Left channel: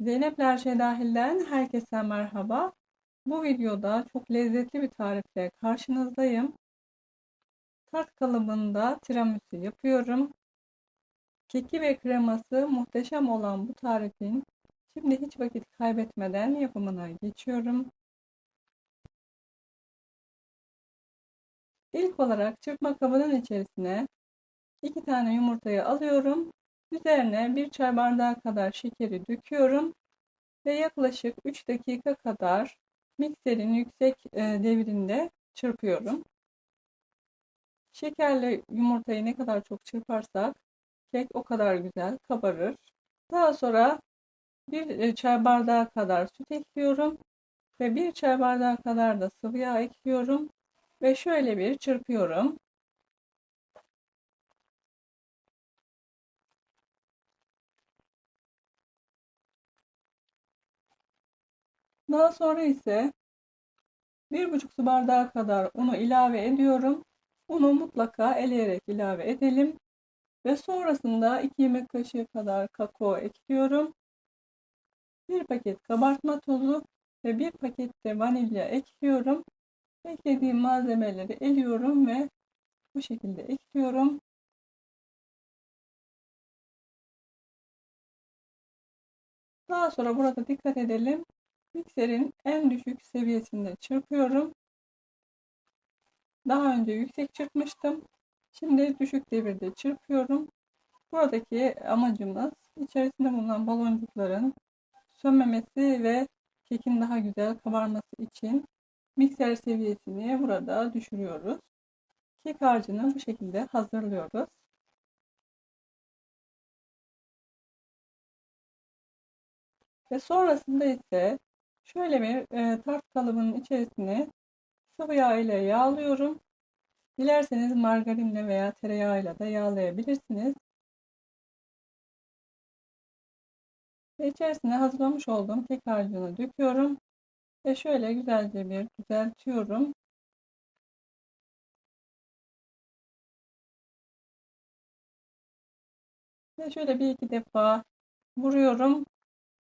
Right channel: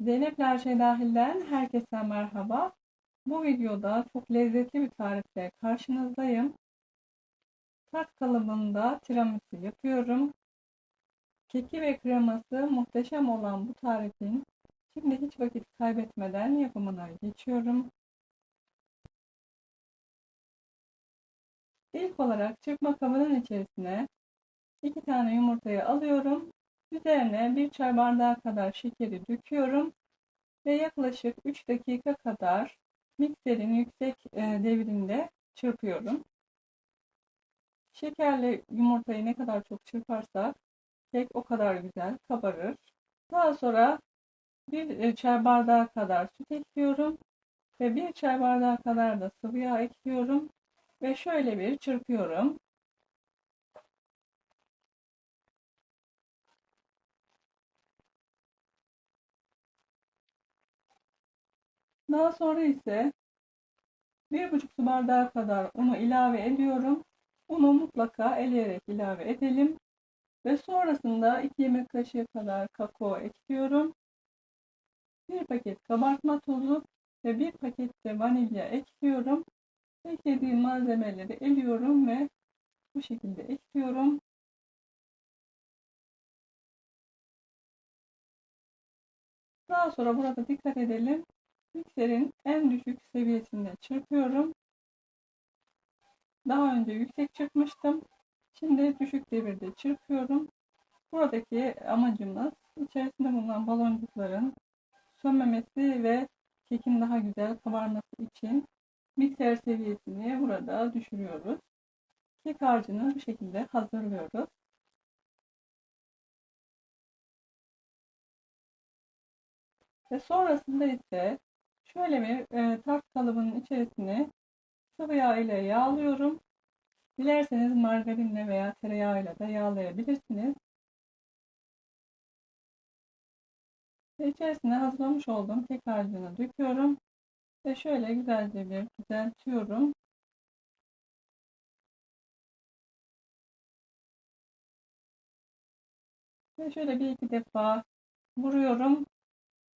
Zeynep Her Şey Dahil'den herkese merhaba. Bu videoda çok lezzetli bir tarifle karşınızdayım. Tart kalıbında tiramisu yapıyorum. Keki ve kreması muhteşem olan bu tarifin şimdi hiç vakit kaybetmeden yapımına geçiyorum. İlk olarak çırpma kabının içerisine 2 tane yumurtayı alıyorum. Üzerine 1 çay bardağı kadar şekeri döküyorum ve yaklaşık 3 dakika kadar mikserin yüksek e, devrinde çırpıyorum. Şekerle yumurtayı ne kadar çok çırparsak kek o kadar güzel kabarır. Daha sonra bir e, çay bardağı kadar süt ekliyorum ve bir çay bardağı kadar da sıvı yağ ekliyorum ve şöyle bir çırpıyorum. Daha sonra ise bir buçuk su bardağı kadar unu ilave ediyorum. Unu mutlaka eleyerek ilave edelim. Ve sonrasında 2 yemek kaşığı kadar kakao ekliyorum. Bir paket kabartma tozu ve bir paket de vanilya ekliyorum. Eklediğim malzemeleri eliyorum ve bu şekilde ekliyorum. Daha sonra burada dikkat edelim. Mikserin en düşük seviyesinde çırpıyorum. Daha önce yüksek çırpmıştım. Şimdi düşük devirde çırpıyorum. Buradaki amacımız içerisinde bulunan baloncukların sönmemesi ve kekin daha güzel kabarması için mikser seviyesini burada düşürüyoruz. Kek harcını bu şekilde hazırlıyoruz. Ve sonrasında ise şöyle bir e, tart kalıbının içerisine sıvı yağ ile yağlıyorum. Dilerseniz margarinle veya tereyağıyla da yağlayabilirsiniz. Ve içerisine hazırlamış olduğum kek harcını döküyorum. Ve şöyle güzelce bir düzeltiyorum. Ve şöyle bir iki defa vuruyorum.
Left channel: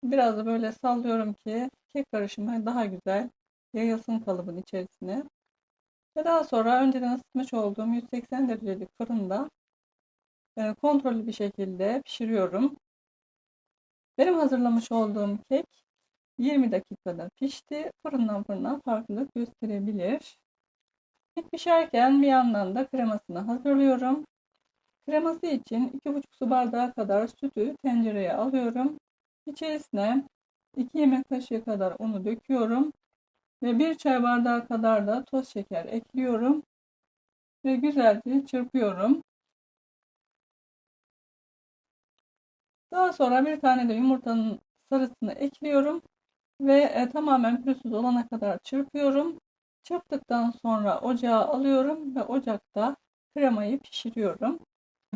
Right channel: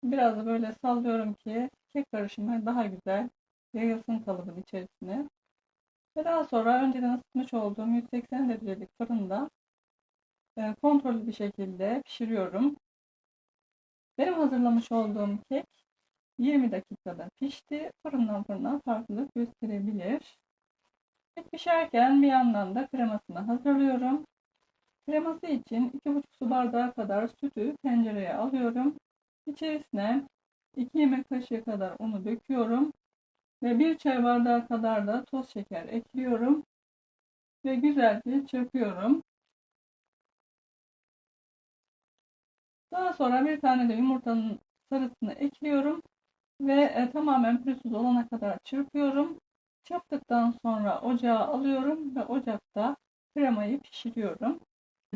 Biraz da böyle sallıyorum ki kek karışımı daha güzel yayılsın kalıbın içerisine. Ve daha sonra önceden ısıtmış olduğum 180 derecelik fırında e, kontrollü bir şekilde pişiriyorum. Benim hazırlamış olduğum kek 20 dakikada pişti. Fırından fırına farklılık gösterebilir. Kek pişerken bir yandan da kremasını hazırlıyorum. Kreması için 2,5 su bardağı kadar sütü tencereye alıyorum. İçerisine 2 yemek kaşığı kadar unu döküyorum. Ve 1 çay bardağı kadar da toz şeker ekliyorum. Ve güzelce çırpıyorum. Daha sonra bir tane de yumurtanın sarısını ekliyorum. Ve e, tamamen pürüzsüz olana kadar çırpıyorum. Çırptıktan sonra ocağa alıyorum ve ocakta kremayı pişiriyorum.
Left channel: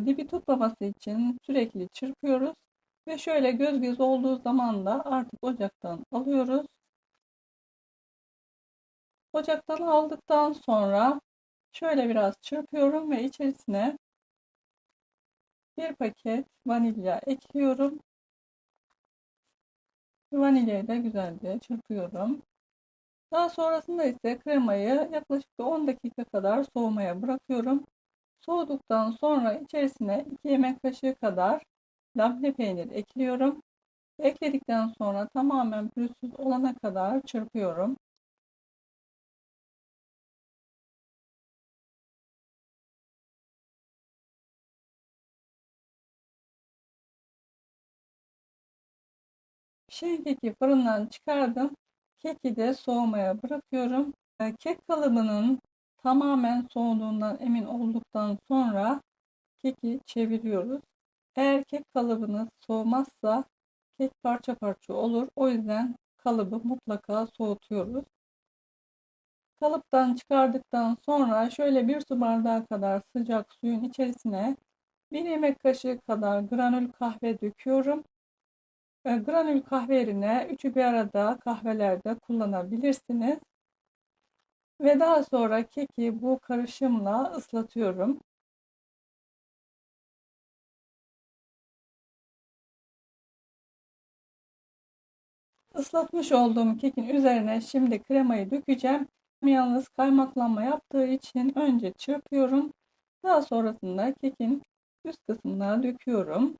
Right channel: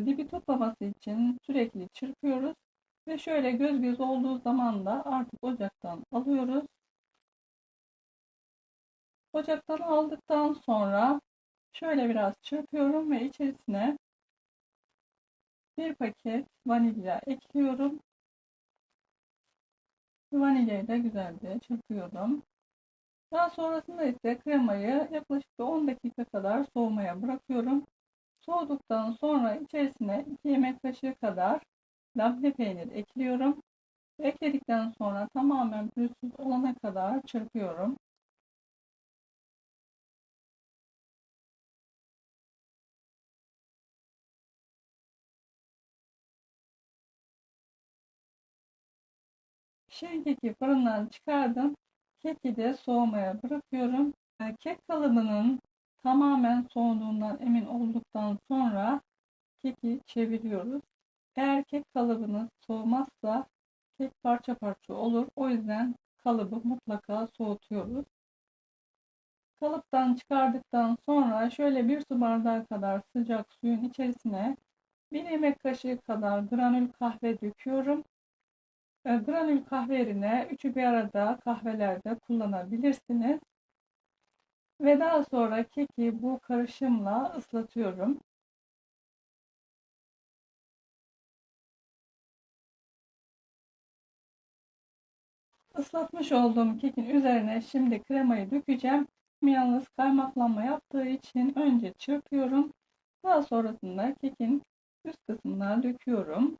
Dibi tutmaması için sürekli çırpıyoruz. Ve şöyle göz göz olduğu zaman da artık ocaktan alıyoruz. Ocaktan aldıktan sonra şöyle biraz çırpıyorum ve içerisine bir paket vanilya ekliyorum. Vanilyayı da güzelce çırpıyorum. Daha sonrasında ise kremayı yaklaşık 10 dakika kadar soğumaya bırakıyorum. Soğuduktan sonra içerisine 2 yemek kaşığı kadar labne peynir ekliyorum. Ekledikten sonra tamamen pürüzsüz olana kadar çırpıyorum. Pişen keki fırından çıkardım. Keki de soğumaya bırakıyorum. Ee, kek kalıbının tamamen soğuduğundan emin olduktan sonra keki çeviriyoruz. Eğer kek kalıbınız soğumazsa kek parça parça olur. O yüzden kalıbı mutlaka soğutuyoruz. Kalıptan çıkardıktan sonra şöyle bir su bardağı kadar sıcak suyun içerisine bir yemek kaşığı kadar granül kahve döküyorum. E, granül kahve yerine üçü bir arada kahvelerde kullanabilirsiniz. Ve daha sonra keki bu karışımla ıslatıyorum. Islatmış olduğum kekin üzerine şimdi kremayı dökeceğim. Yalnız kaymaklanma yaptığı için önce çırpıyorum. Daha sonrasında kekin üst kısmına döküyorum.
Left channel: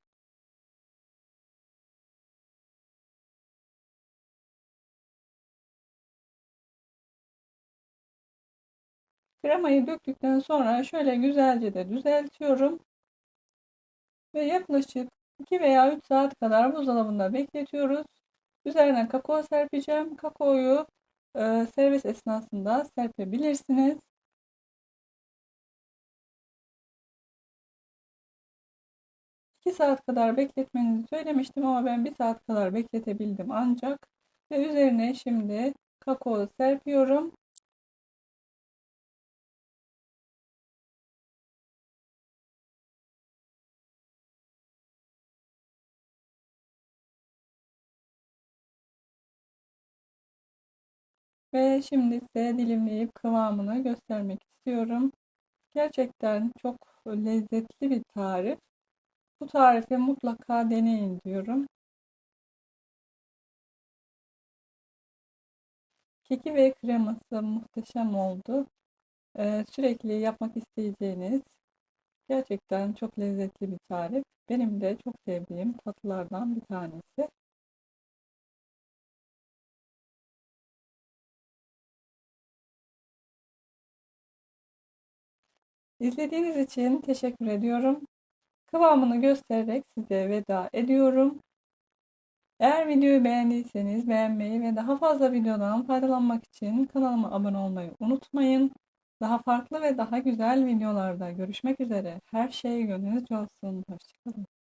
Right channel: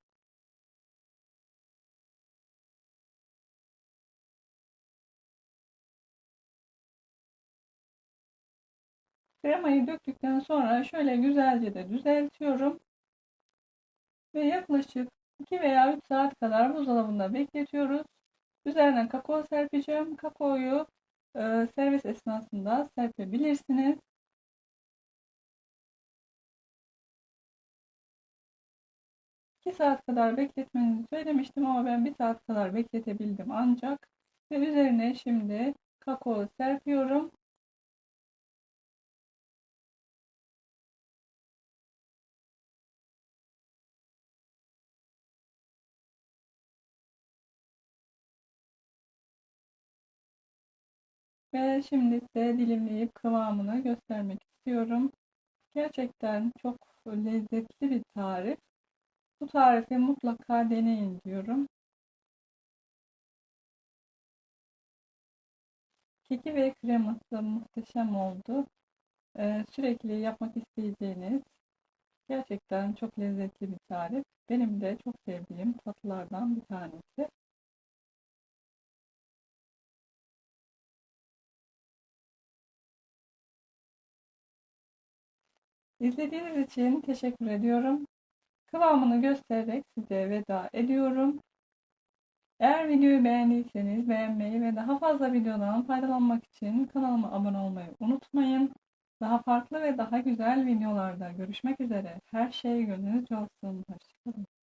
Kremayı döktükten sonra şöyle güzelce de düzeltiyorum. Ve yaklaşık 2 veya 3 saat kadar buzdolabında bekletiyoruz. Üzerine kakao serpeceğim. Kakaoyu e, servis esnasında serpebilirsiniz. İki saat kadar bekletmenizi söylemiştim ama ben bir saat kadar bekletebildim ancak. Ve üzerine şimdi kakao serpiyorum. Ve şimdi ise dilimleyip kıvamını göstermek istiyorum. Gerçekten çok lezzetli bir tarif. Bu tarifi mutlaka deneyin diyorum. Keki ve kreması muhteşem oldu. Ee, sürekli yapmak isteyeceğiniz gerçekten çok lezzetli bir tarif. Benim de çok sevdiğim tatlılardan bir tanesi. İzlediğiniz için teşekkür ediyorum. Kıvamını göstererek size veda ediyorum. Eğer videoyu beğendiyseniz beğenmeyi ve daha fazla videodan faydalanmak için kanalıma abone olmayı unutmayın. Daha farklı ve daha güzel videolarda görüşmek üzere. Her şey gönlünüzce olsun. Hoşçakalın.